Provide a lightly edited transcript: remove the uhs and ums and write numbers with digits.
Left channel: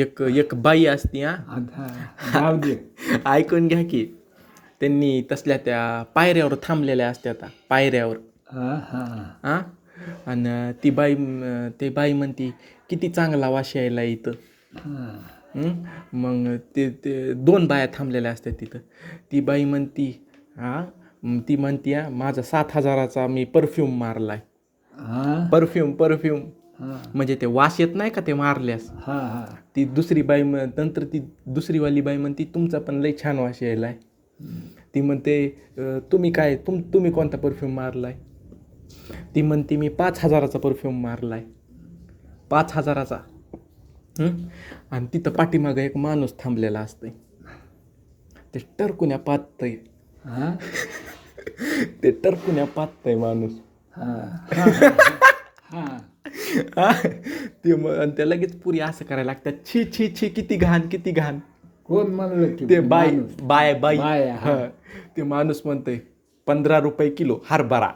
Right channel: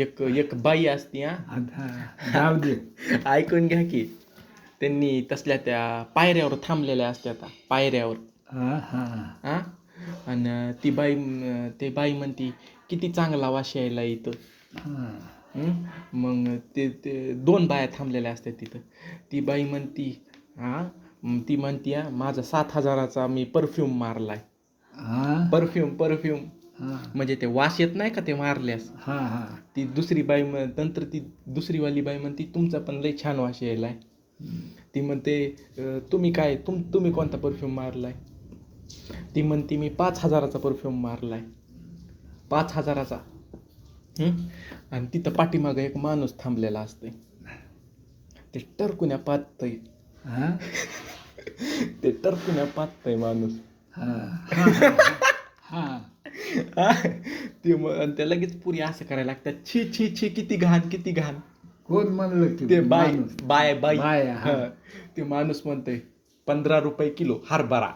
एक एक बाई असती हा. आता जाऊ दे. ऐकून घ्या की, त्यांनी तसल्या त्या पायऱ्यावर थांबलेल्या असत्या पायऱ्यावर. हा हा हा. आणि ते बाई म्हणती किती चांगला वास यायला इथं. हा. हं? मग ते ते दोन बाया थांबलेल्या असतात तिथं. ती बाई म्हणती ती म्हणती माझा 7,000चा मी परफ्यूम मारलाय. हा परफ्यूम हा म्हणजे ते वास येत नाही का ते मारल्यास. हा हा. ती दुसरी बाई नंतर ती दुसरीवाली बाई म्हणती तुमचा पण लय छान वास यायलाय. ती म्हणते तुम्ही कोणता परफ्यूम मारलाय. ती म्हणते मी 5,000चा परफ्यूम मारलाय. 5,000चा. आणि तिथं पाठीमागं एक माणूस थांबलेला असतोय. ते टरकुन्या पाहतय. हा ते टरकुन्या पाहतय माणूस. हा हा हा. हा. आणि त्या लगेच पुरी असं करायला लागतात, छी छी छी किती घाण किती घाण. कोण म्हणलं की ते माणूस? बाय बाय हा. ते माणूस म्हणतोय 15 रुपये किलो हरभरा.